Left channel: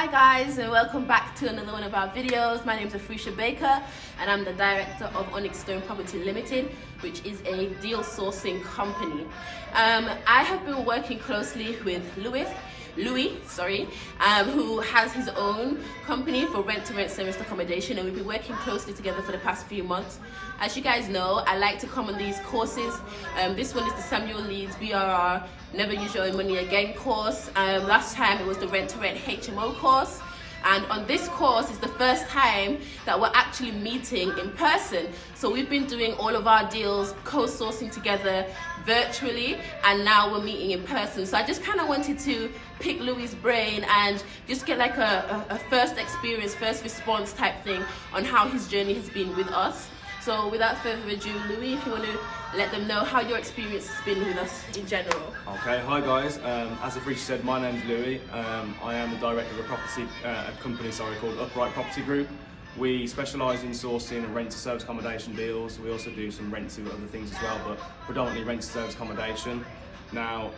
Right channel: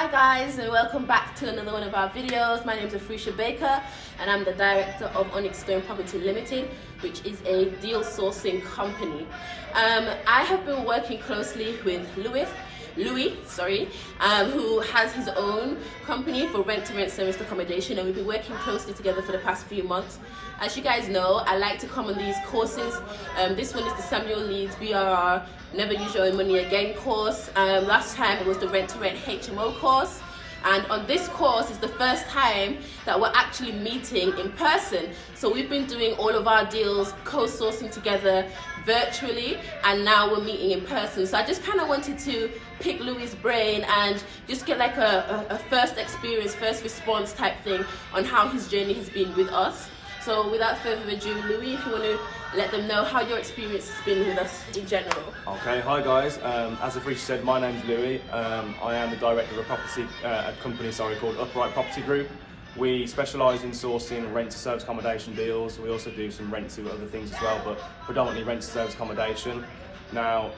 Hi guys, and welcome back to another one of our videos. My name is Afrisha Baker and I'm the director of Onyx Stone Property Limited, which is a deal sourcing company. I have been working closely with Louis, who has his own company for rent-to-rent serviced accommodation, and we've been working closely together for the past few months. As you guys know, I like to come on these courses. This one is the Samuel Leeds BRR Never Use Your Own Money Again course. Last time it was the rent-to-rent HMO course. And on this course is the first time that we're actually meeting in person. So we've been doing all of our deals, co-sourcing together virtually, and now we're meeting in person. So I just kind of wanted to pick Louis' brain and just get like a first experience, first response type thing on how his journey has been with us. So without further ado, Louis, if you want to let them know how your experience has been with us in general. Okay, hi guys. As Afrisha said, my name's Louis. I am the director of a company called Upright Property Group. We specialise in sourcing rent to service accommodation deals. We also do some rent to other things as well, but predominantly rent to service accommodation. Now,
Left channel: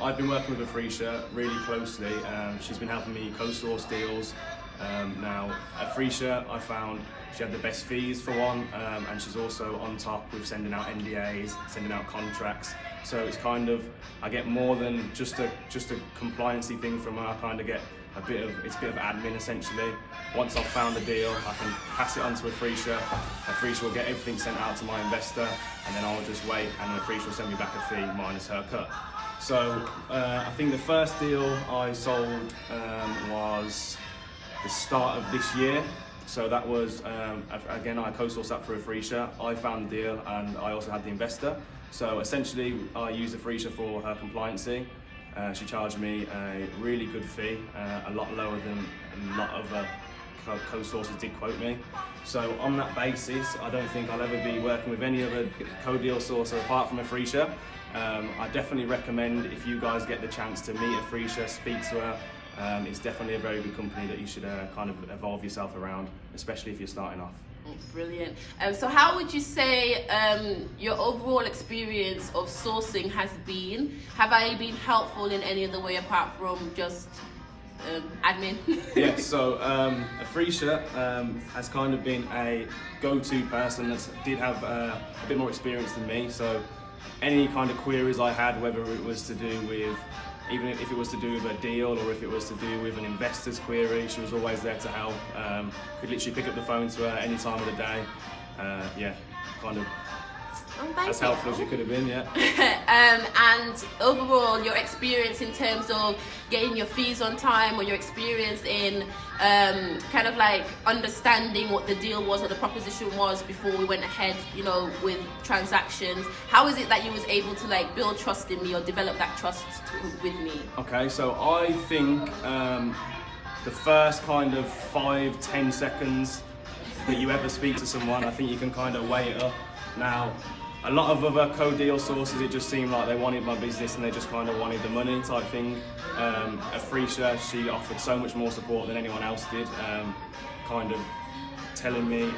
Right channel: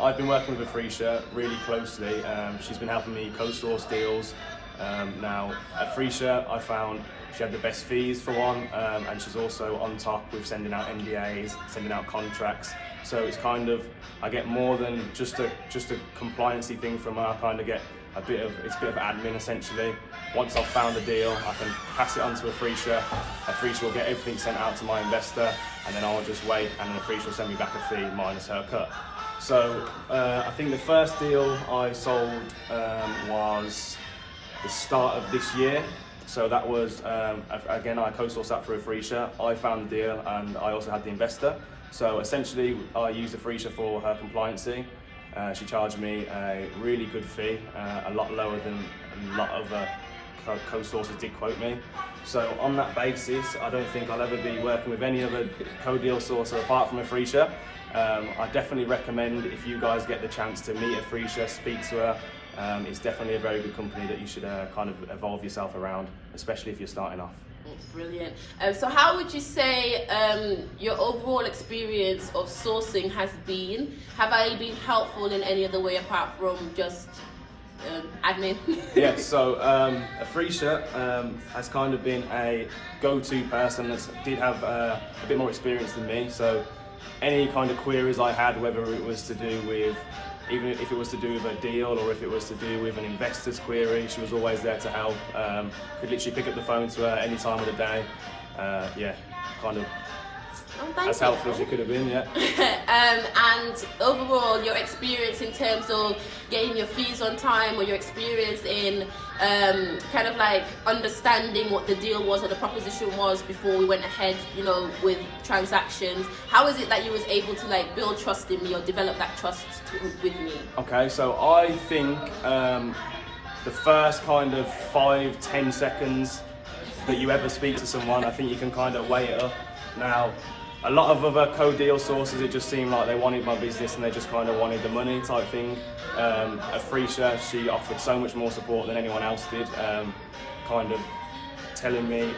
I've been working with Afrisha really closely. She's been helping me co-source deals. Now, Afrisha, I found she had the best fees for one, and she's also on top with sending out NDAs, sending out contracts. So it's kind of, I get more than just a compliancy thing from her. I kind of get a bit of admin essentially. Once I've found a deal, I can pass it on to Afrisha. Afrisha will get everything sent out to my investor, and then I'll just wait, and then Afrisha will send me back a fee minus her cut. So I think the first deal I sold was the start of this year. So that was, again, I co-sourced that for Afrisha. I found the deal and I also had the investor. So essentially, I used Afrisha for her compliancy. She charged me a really good fee, a lot lower than a lot of co-sourcers did quote me. So on that basis, I don't think I'll ever be working with any other co-deal sourcer apart from Afrisha. I definitely recommend, if you guys get the chance to meet Afrisha, speak to her. It's definitely a very good company that you should kind of evolve yourself around, especially if you're starting off. Brilliant. So how would you say your overall experience of sourcing has been? Have I been helpful in any other way apart from just admin? Yeah, so Afrisha has kind of been a go-to person that did have a bit more experience than me. So any kind of queries I had, whether it was to do with, even if it was to do with a deal or if it was to do with an investor's query, she was always there to help. Could literally pick up the phone to her any time of the day. Yeah, kind of as helpful as you could have been, yeah. And overall, your experience in terms of getting your fees on time, or your experience in kind of like understanding what the deal was or the proposition was before we went ahead, you know, with transactions. How is it that you was able to like build trust in me or develop that trust with me? Okay, so I think the first kind of 5-10 seconds that you ever speak to someone, I think you can kind of weigh it up. Now, a lot of other co-deal sources, it just seemed like they wanted my business and they just kind of wanted the money type thing. Afrisha, she offered so much more support than anyone else did, kind of telling me,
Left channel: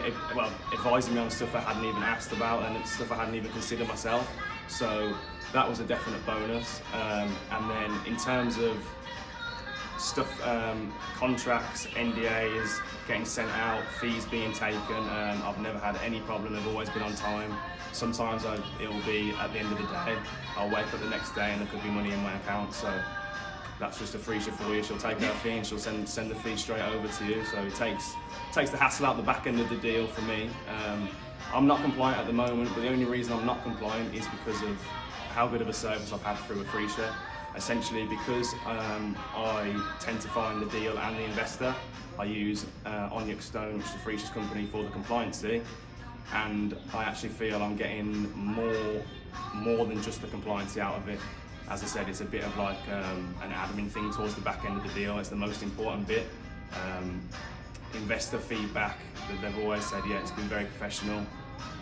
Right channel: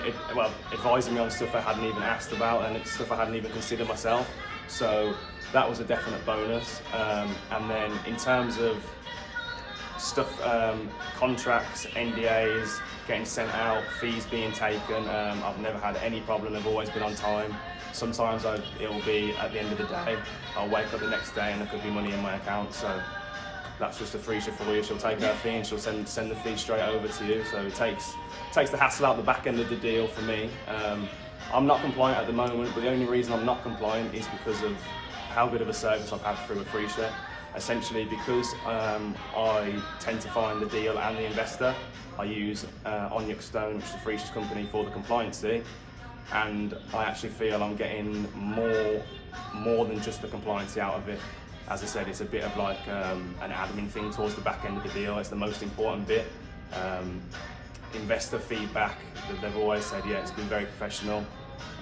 advising me on stuff I hadn't even asked about and stuff I hadn't even considered myself. So that was a definite bonus. And then in terms of stuff, contracts, NDAs, getting sent out, fees being taken, I've never had any problem. I've always been on time. Sometimes it'll be at the end of the day. I'll wake up the next day and there could be money in my account. So that's just Afrisha for you. She'll take her fee and she'll send the fee straight over to you. So it takes the hassle out the back end of the deal for me. I'm not compliant at the moment, but the only reason I'm not compliant is because of how good of a service I've had through Afrisha. Essentially, because I tend to find the deal and the investor, I use Onyx Stone, which is Afrisha's company, for the compliancy, and I actually feel I'm getting more than just the compliancy out of it. As I said, it's a bit of like an admin thing towards the back end of the deal. It's the most important bit. Investor feedback, they've always said, yeah, it's been very professional.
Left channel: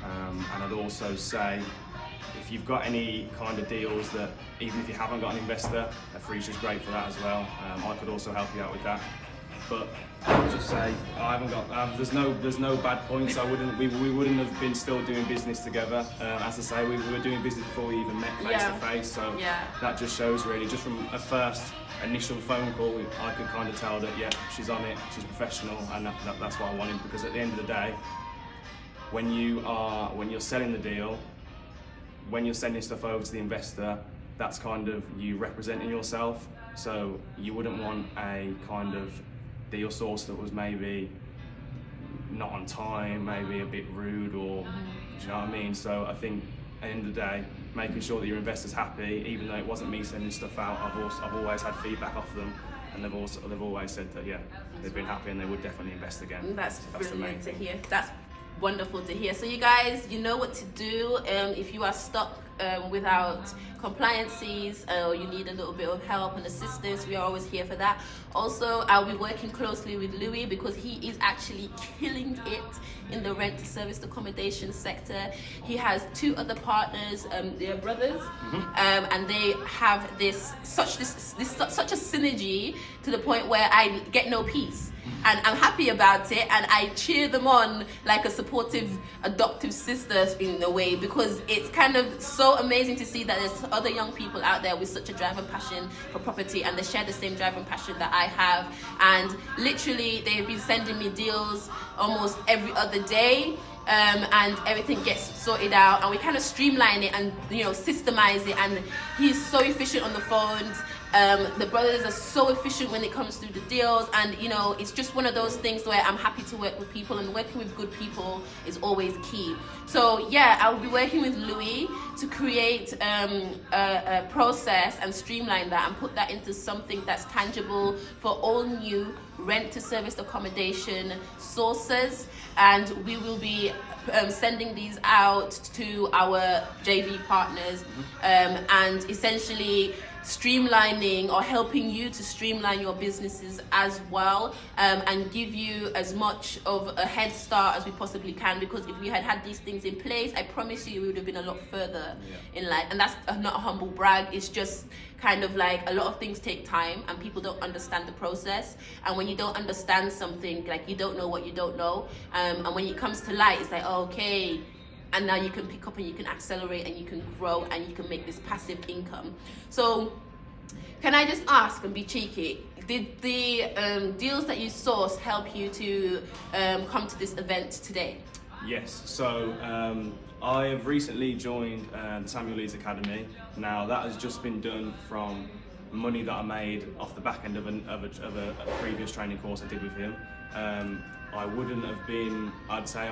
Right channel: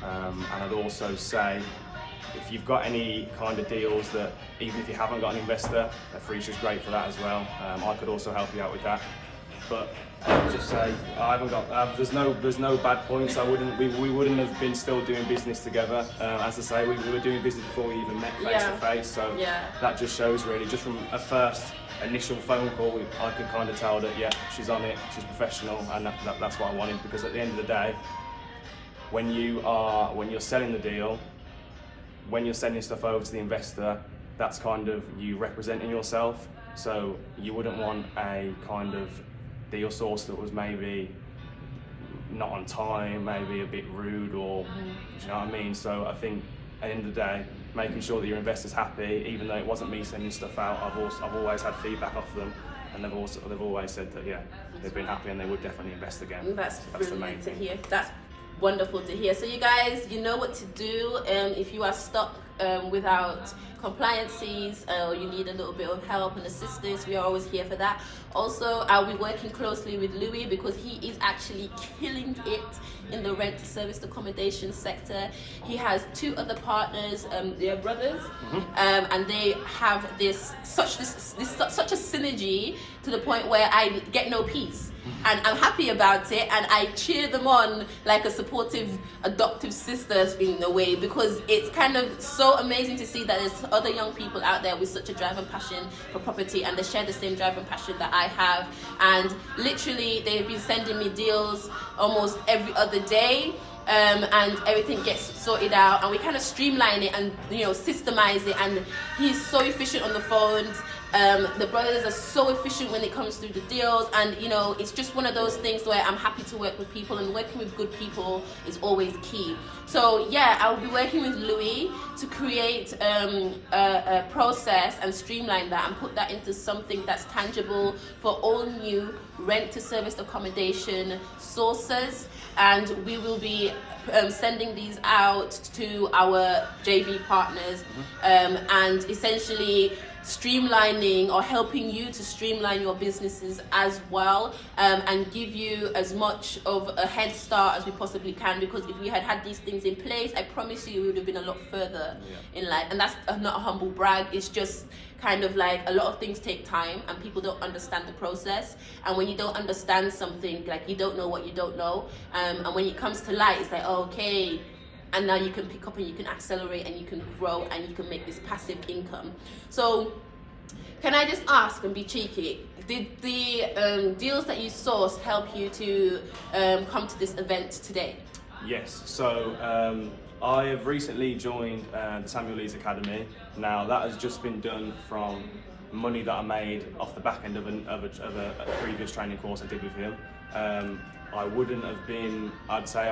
And I'd also say, if you've got any kind of deals that, even if you haven't got an investor, Afrisha's great for that as well. I could also help you out with that. But I'll just say I haven't got. There's no bad points. We wouldn't have been still doing business together. As I say, we were doing business before we even met face to face. So that just shows really, just from a first initial phone call, I could kind of tell that she's on it, she's professional, and that's what I wanted. Because at the end of the day, when you're selling the deal, when you're sending stuff over to the investor, that's kind of you representing yourself. So you wouldn't want a kind of deal source that was maybe not on time, maybe a bit rude, or do you know what I mean? So I think at the end of the day, making sure that your investor's happy, even though it wasn't me sending stuff out, I've always had feedback off them, and they've always said that they've been happy and they would definitely invest again. That's the main brilliant to thing. hear. That's wonderful to hear. So you guys, you know what to do if you are stuck without compliances or you need a little bit of help and assistance. We are always here for that. Also, I'll be working closely with Louis because he is actually killing it in the rent service accommodation sector. He has 2 other partners, they are brothers, and they have such a synergy to the point where I get no peace. And I'm happy about it, and I cheer them on like a supportive adoptive sister in a way, because it's kind of so amazing to see that there's other young people out there with such a drive and passion for property, and they share the same drive and passion that I have. And literally they've been sending me deals almost every other day, and everything gets sorted out, and we kind of streamline it and systemize it, and he's so efficient on the phones. The brothers are so efficient when it comes to the deals, and it's just one of those things where I'm happy to work with people, and working with good people is always key. So I will be working with Louis to create a process and streamline that and put that into something that's tangible for all new rent to service accommodation sources, and we will be sending these out to our JV partners, and essentially streamlining or helping you to streamline your businesses as well, and give you as much of a head start as we possibly can, because if we had these things in place, I promise you we would have been a lot further in life. And that's not a humble brag, it's just kind of like a lot of things take time and people don't understand the process, and when you don't understand something, like you don't know what you don't know, and when it comes to light, it's like, oh, okay, and now you can pick up and you can accelerate and you can grow and you can make this passive income. So can I just ask and be cheeky, did the deals that you sourced help you to come to this event today? Yes, so I have recently joined the Samuel Leeds Academy. Now that has just been done from money that I made off the back end of a previous training course I did with him. I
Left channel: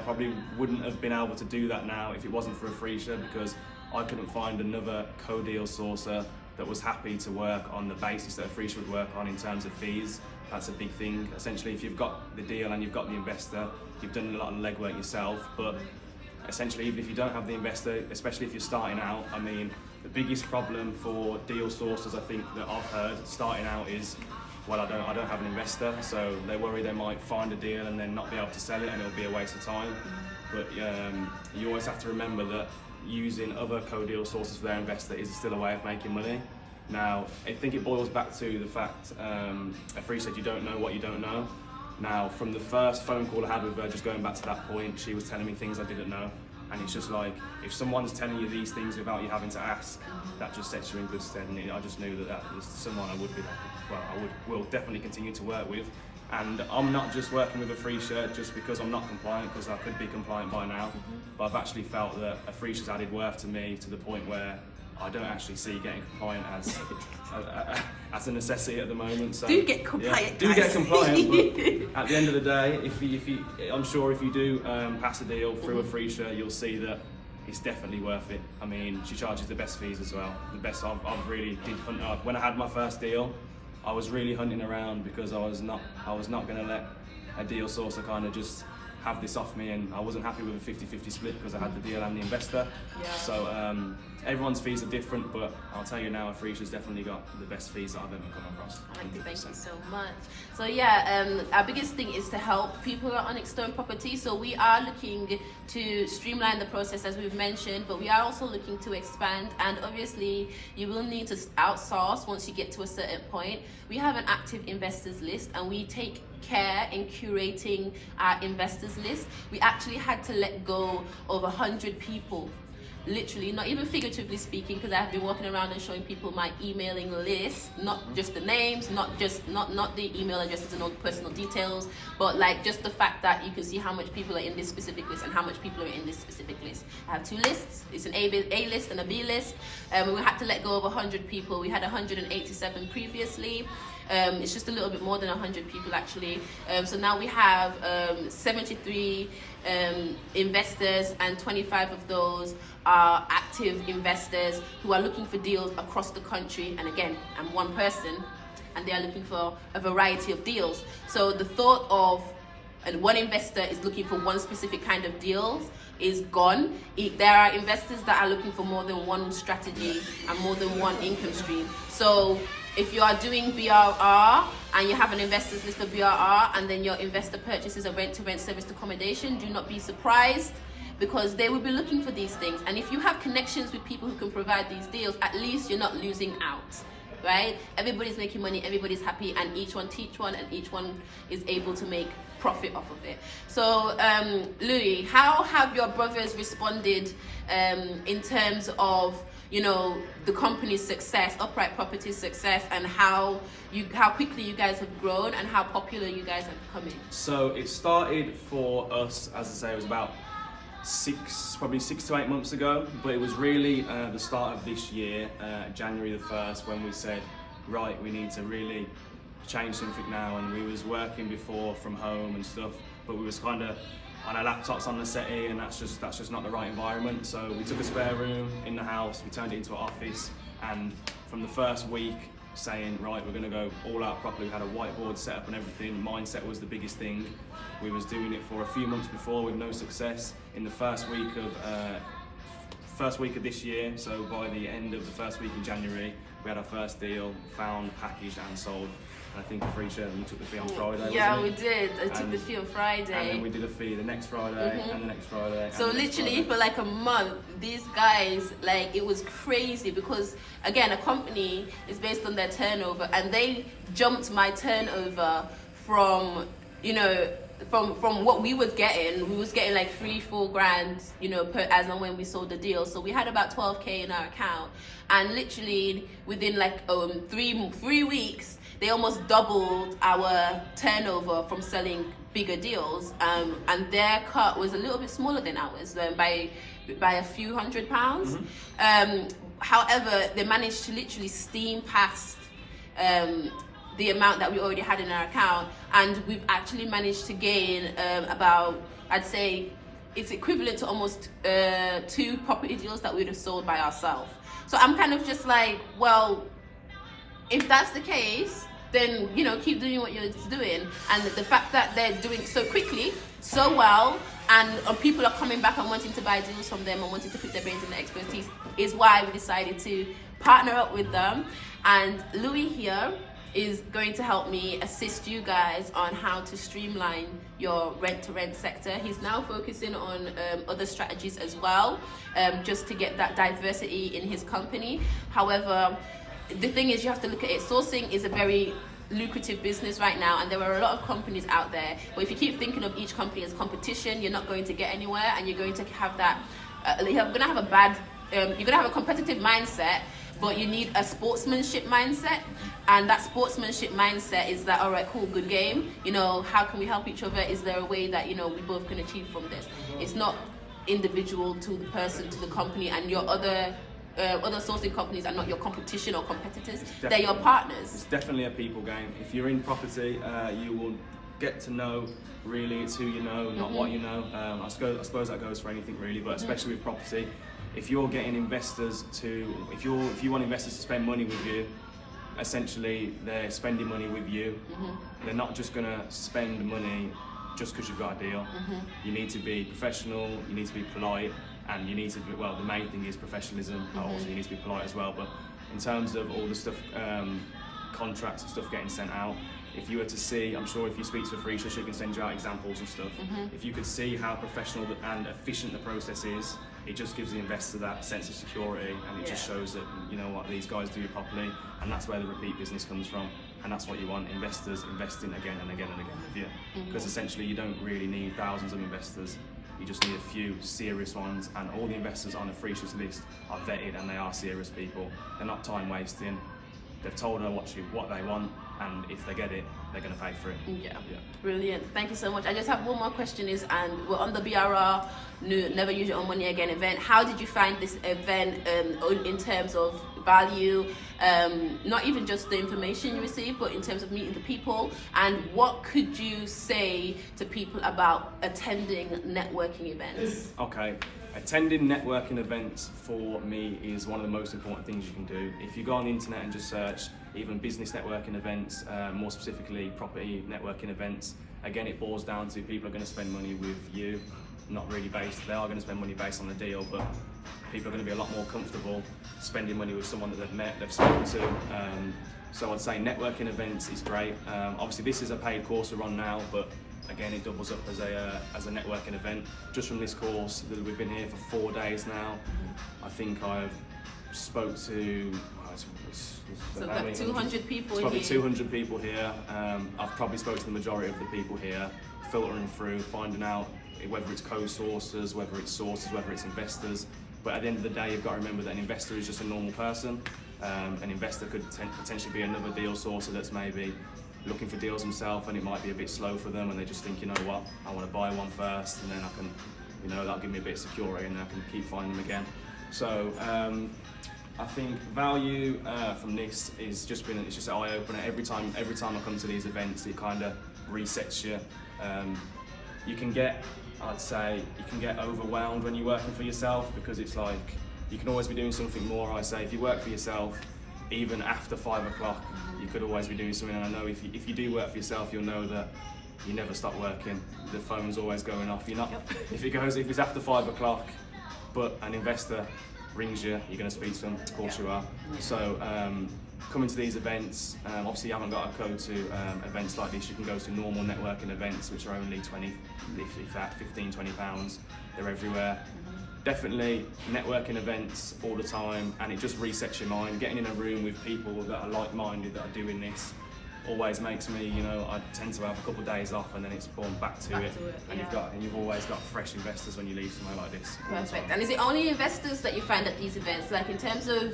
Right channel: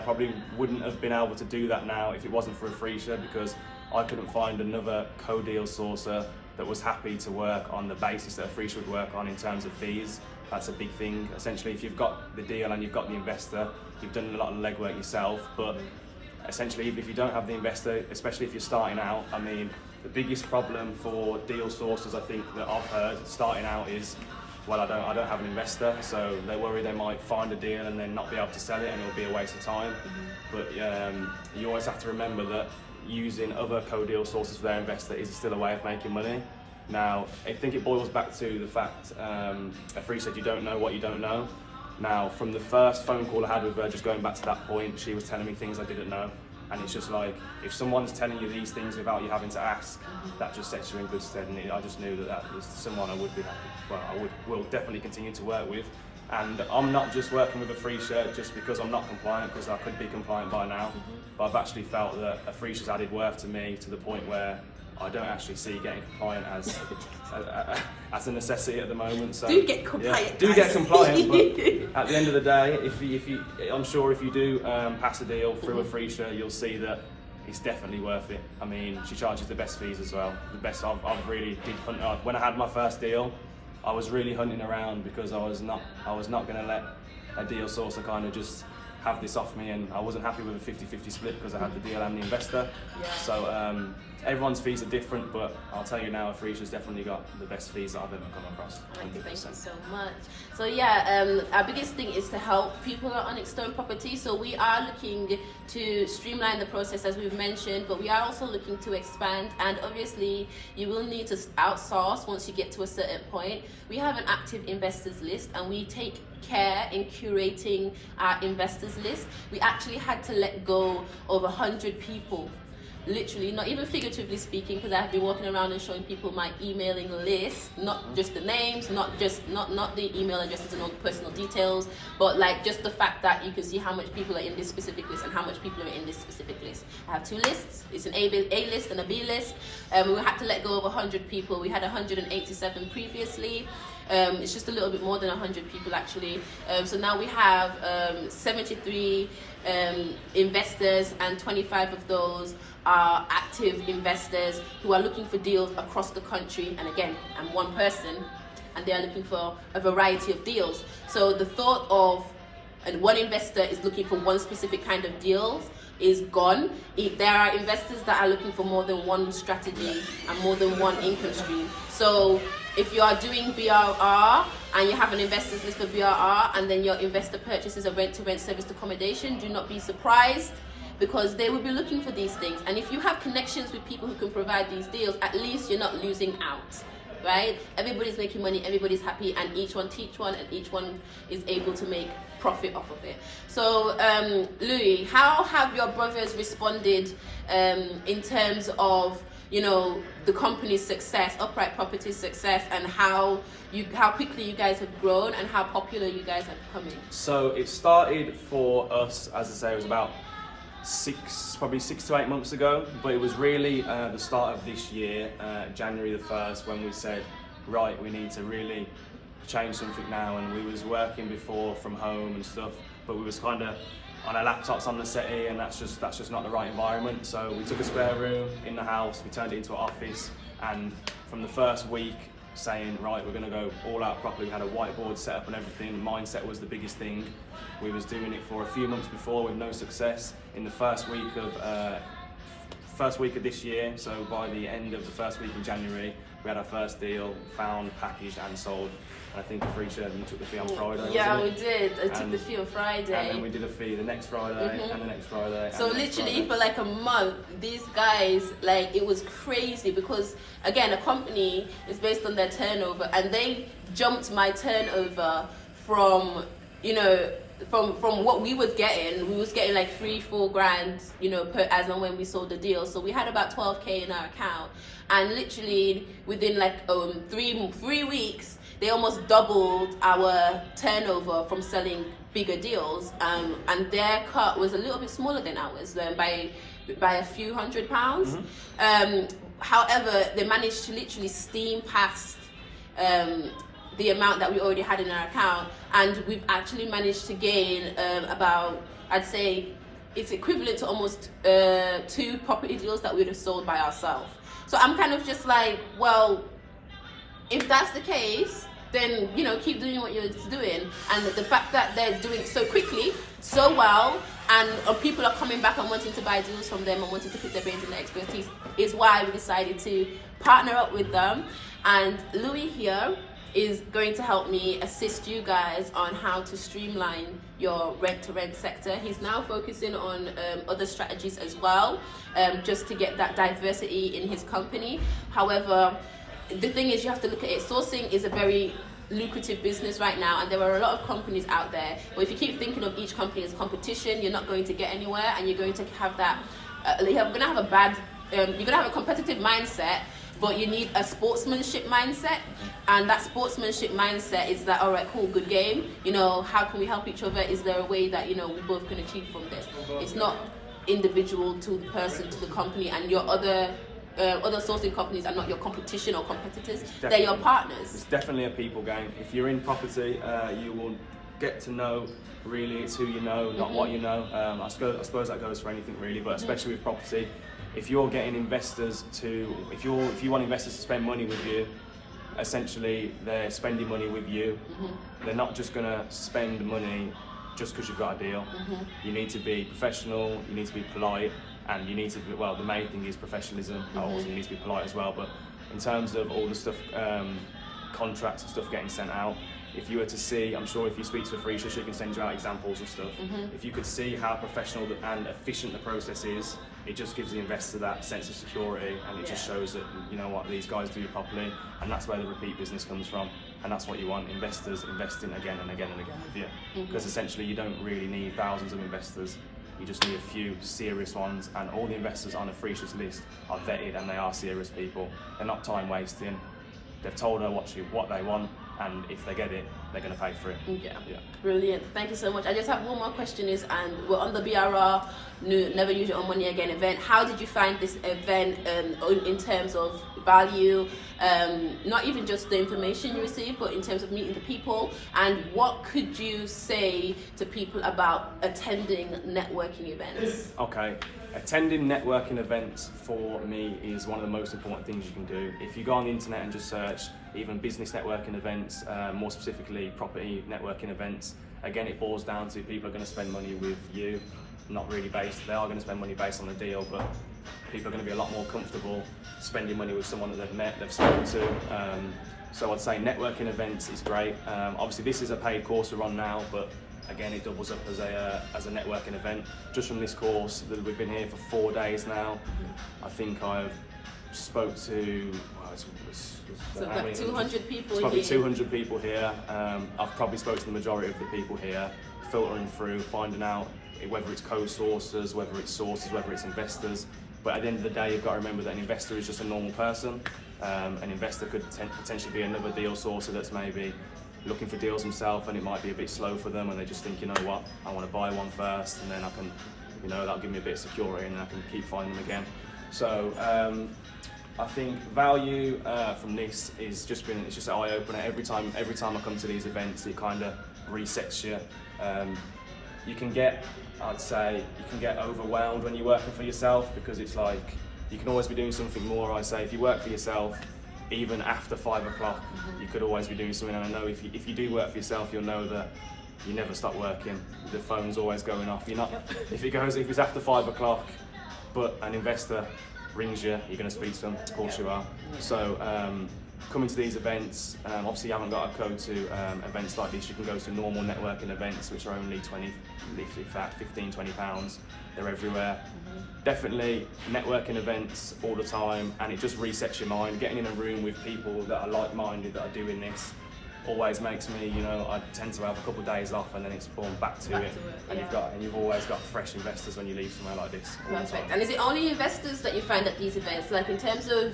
probably wouldn't have been able to do that now if it wasn't for Afreesha, because I couldn't find another co-deal sourcer that was happy to work on the basis that Afreesha would work on in terms of fees. That's a big thing. Essentially, if you've got the deal and you've got the investor, you've done a lot of legwork yourself, but essentially, even if you don't have the investor, especially if you're starting out, I mean, the biggest problem for deal sourcers, I think, that I've heard starting out is, well, I don't have an investor, so they worry they might find a deal and then not be able to sell it, and it'll be a waste of time. But you always have to remember that using other co-deal sources for their investor is still a way of making money. Now, I think it boils back to the fact, Afreesha said you don't know what you don't know. Now, from the first phone call I had with her, just going back to that point, she was telling me things I didn't know. And it's just like, if someone's telling you these things without you having to ask, that just sets you in good stead. And I just knew that was someone I would be happy. Well, will definitely continue to work with. And I'm not just working with Afreesha just because I'm not compliant, because I could be compliant by now. But I've actually felt that Afreesha's added worth to me to the point where I don't actually see getting compliant as a necessity at the moment. So do get compliant, do get compliant. But at the end of the day, if you I'm sure if you do pass a deal through Afreesha, you'll see that it's definitely worth it. I mean, she charges the best fees as well. The best. I've really did hunt. When I had my first deal, I was really hunting around because I was not going to let a deal sourcer kind of just have this off me, and I wasn't happy with a 50-50 split because I had the deal and the investor. Yeah. So everyone's fees are different, but I'll tell you now, Afrisha's definitely got the best fees that I've ever come across. Thank you 100%. so much. So yeah, our biggest thing is to help people on Onyx Stone property. So we are looking to streamline the process, as we've mentioned, but we are also looking to expand. And obviously, you will need to outsource once you get to a certain point. We have an active investors list, and we take care in curating our investors list. We actually had to let go of 100 people, literally, not even figuratively speaking, because I've been walking around and showing people my emailing list, not just the names, not the email addresses and all the personal details, but like just the fact that you can see how much people are in this specific list and how much people are in this specific list. I have 2 lists. It's an A list and a B list. We had to let go of 100 people. We had 187 previously. It's just a little bit more than 100 people actually. So now we have 73 investors, and 25 of those are active investors who are looking for deals across the country. And again, I'm one person, and they are looking for a variety of deals. So the thought of one investor is looking for one specific kind of deals is gone. There are investors that are looking for more than one strategy and more than one income stream. So if you are doing BRR and you have an investors list for BRR, and then your investor purchases a rent-to-rent serviced accommodation, do not be surprised, because they will be looking for these things. And if you have connections with people who can provide these deals, at least you're not losing out, right? Everybody's making money, everybody's happy, and each one teach one, and each one is able to make profit off of it. So Louis, how have your brothers responded in terms of, you know, the company's success, Upright Properties' success, and how quickly you guys have grown and how popular you guys are becoming? So it started for us, as I say, it was about probably 6 to 8 months ago, but it was really the start of this year, January the 1st, when we said, right, we need to really change something now. And we was working before from home and stuff, but we was kind of on our laptops on the settee, and that's just not the right environment. So we took a spare room in the house, we turned it into an office, and from the first week saying, right, we're going to go all out properly. We had a whiteboard set up and everything. Mindset was the biggest thing. We was doing it for a few months before with no success. In the first week of this year, so by the end of the first week in January, we had our first deal found, packaged and sold. And I think Afrisha, you took the fee on Friday. Yeah, we did. I took the fee on Friday. And then we did a fee the next Friday and the next Friday. So literally for like a month, these guys, like, it was crazy, because again, a company is based on their turnover, and they jumped my turnover from, you know, from what we was getting like 3-4 grand, you know, per as and when we sold the deal. So we had about 12k in our account, and literally within like 3 weeks, they almost doubled our turnover from selling bigger deals, and their cut was a little bit smaller than ours, by a few £100. However, they managed to literally steam past the amount that we already had in our account, and we've actually managed to gain about, I'd say it's equivalent to almost 2 property deals that we'd have sold by ourselves. So I'm kind of just like, well, if that's the case, then, you know, keep doing what you're doing. And the fact that they're doing it so quickly, so well, and people are coming back and wanting to buy deals from them and wanting to put their brains in their expertise, is why we decided to partner up with them. And Louis here is going to help me assist you guys on how to streamline your rent-to-rent sector. He's now focusing on other strategies as well, just to get that diversity in his company. However, the thing is, you have to look at it. Sourcing is a very lucrative business right now, and there are a lot of companies out there, but if you keep thinking of each company as competition, you're not going to get anywhere, and you're going to have that you're going to have a competitive mindset, but you need a sportsmanship mindset. And that sportsmanship mindset is that, all right, cool, good game, you know, how can we help each other? Is there a way that, you know, we both can achieve from this? It's not individual to the person, to the company, and your other sourcing companies are not your competition or competitors. They're your partners. It's definitely a people game. If you're in property, you will get to know, really, it's who you know, not what you know. I suppose that goes for anything really, but especially with property. If you're getting investors if you want investors to spend money with you, essentially they're spending money with you. They're not just going to spend money just because you've got a deal. You need to be professional, you need to be polite, and you need to be, well, the main thing is professionalism. Also, you need to be polite as well. But in terms of all the stuff, contracts and stuff getting sent out, if you were to see, I'm sure if you speak to a Free, she can send you out examples and stuff. If you could see how professional and efficient the process is, it just gives the investor that sense of security, and it just shows that, you know what, these guys do it properly, and that's where the repeat business comes from, and that's what you want, investors investing again and again and again with you. Because essentially you don't really need thousands of investors, you just need a few serious ones, and all the investors on a Free list are vetted and they are serious people. They're not time wasting. They've told her what they want, and if they get it, they're going to pay for it. Yeah. Brilliant. Thank you so much. I just have one more question and we're on the BRR Never Use Your Own Money Again event. How did you find this event in terms of value, not even just the information you received, but in terms of meeting the people? And what could you say to people about attending networking events? Okay. Attending networking events for me is one of the most important things you can do. If you go on the internet and just search even business networking events, more specifically property networking events, again it boils down to people are going to spend money with you, not really based, they are going to spend money based on the deal, but people are going to be a lot more comfortable spending money with someone that they've met, they've spoken to. So I'd say networking events is great. Obviously this is a paid course we're on now, but again, it doubles up as a networking event. Just from this course, we've been here for 4 days now. I think I've spoke to about 200 people here. Probably here. 200 people here. I've probably spoken to the majority of the people here, filtering through, finding out whether it's co-sourcers, whether it's sources, whether it's investors. But at the end of the day, you've got to remember that an investor is just a normal person. An investor could potentially be another deal sourcer that's maybe looking for deals himself, and it might be a bit slow for them, and they just think, you know what, I want to buy one first, and then I can, you know, that'll give me a bit of security, and I can keep finding them again. So I think value from this is it's just an eye opener. Every time I come to these events, it kind of resets you. I'd say you can get overwhelmed when you're working for yourself, because it's like you can always be doing something more. I say if you work for yourself, even after 5 o'clock, you could always be doing something. And I know if you do work for yourself, you'll know that you never stop working. The phone's always going off. You're not. If it's after 5 o'clock, but an investor rings you, you're going to speak to them. Of course you are. So coming to these events, obviously you haven't got to go to events like this. You can go to normal networking events, which are only 20, if that, 15, 20 pounds. They're everywhere. Definitely networking events all the time, and it just resets your mind. Getting in a room with people that are like-minded, that are doing this, always makes me, you know, I tend to have a couple of days off, and then it's born back to it. And you've always got fresh investors when you leave somewhere like this. Perfect. And is it only investors that you find at these events? Like in terms of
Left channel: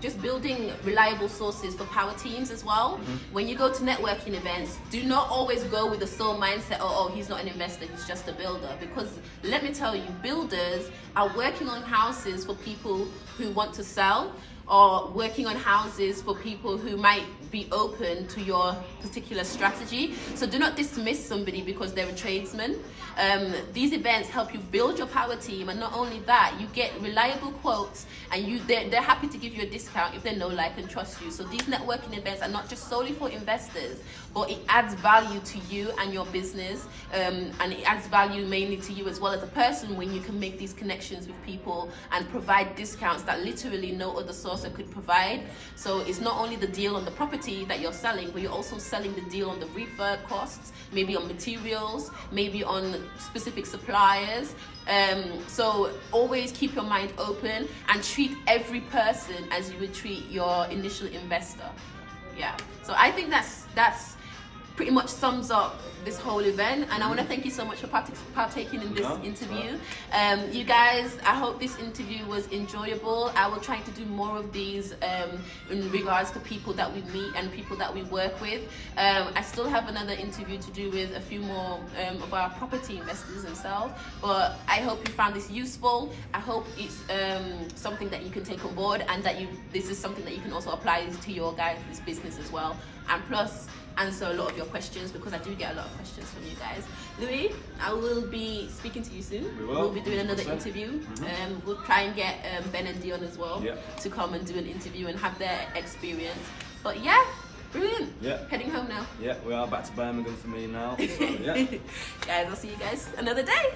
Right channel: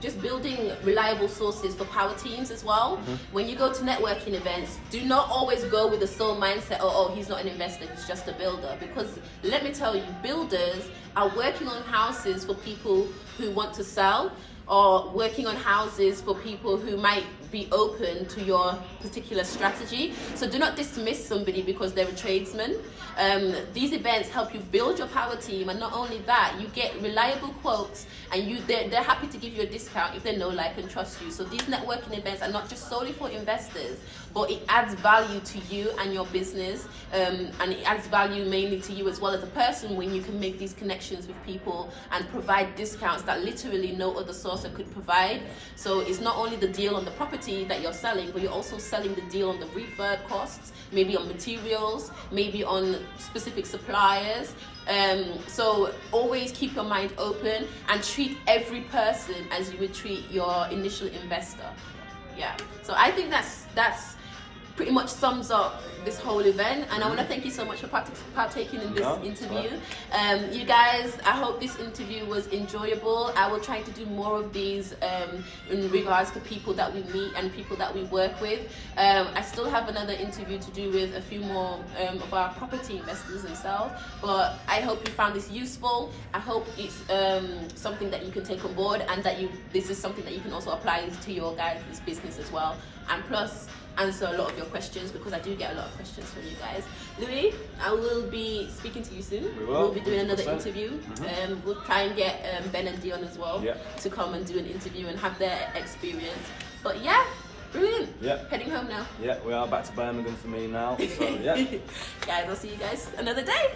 just building reliable sources for power teams as well? When you go to networking events, do not always go with the sole mindset, oh, he's not an investor, he's just a builder. Because let me tell you, builders are working on houses for people who want to sell, or working on houses for people who might be open to your particular strategy. So do not dismiss somebody because they're a tradesman. These events help you build your power team, and not only that, you get reliable quotes, and they're happy to give you a discount if they know, like, and trust you. So these networking events are not just solely for investors, but it adds value to you and your business, and it adds value mainly to you as well as a person when you can make these connections with people and provide discounts that literally no other sourcer could provide. So it's not only the deal on the property that you're selling, but you're also selling the deal on the refurb costs, maybe on materials, maybe on specific suppliers. So always keep your mind open and treat every person as you would treat your initial investor. Yeah. So I think that's pretty much sums up this whole event, and I want to thank you so much for partaking in this interview. You guys, I hope this interview was enjoyable. I will try to do more of these in regards to people that we meet and people that we work with. I still have another interview to do with a few more of our property investors themselves, but I hope you found this useful. I hope it's something that you can take on board, and that this is something that you can also apply to your guys' business as well, and plus answer a lot of your questions, because I do get a lot of questions from you guys. Louis, I will be speaking to you soon. We'll be doing another interview. We'll try and get Ben and Dion as well to come and do an interview and have their experience. But yeah, brilliant. Heading home now. We are back to Birmingham for me now. So, Guys, I'll see you guys another day.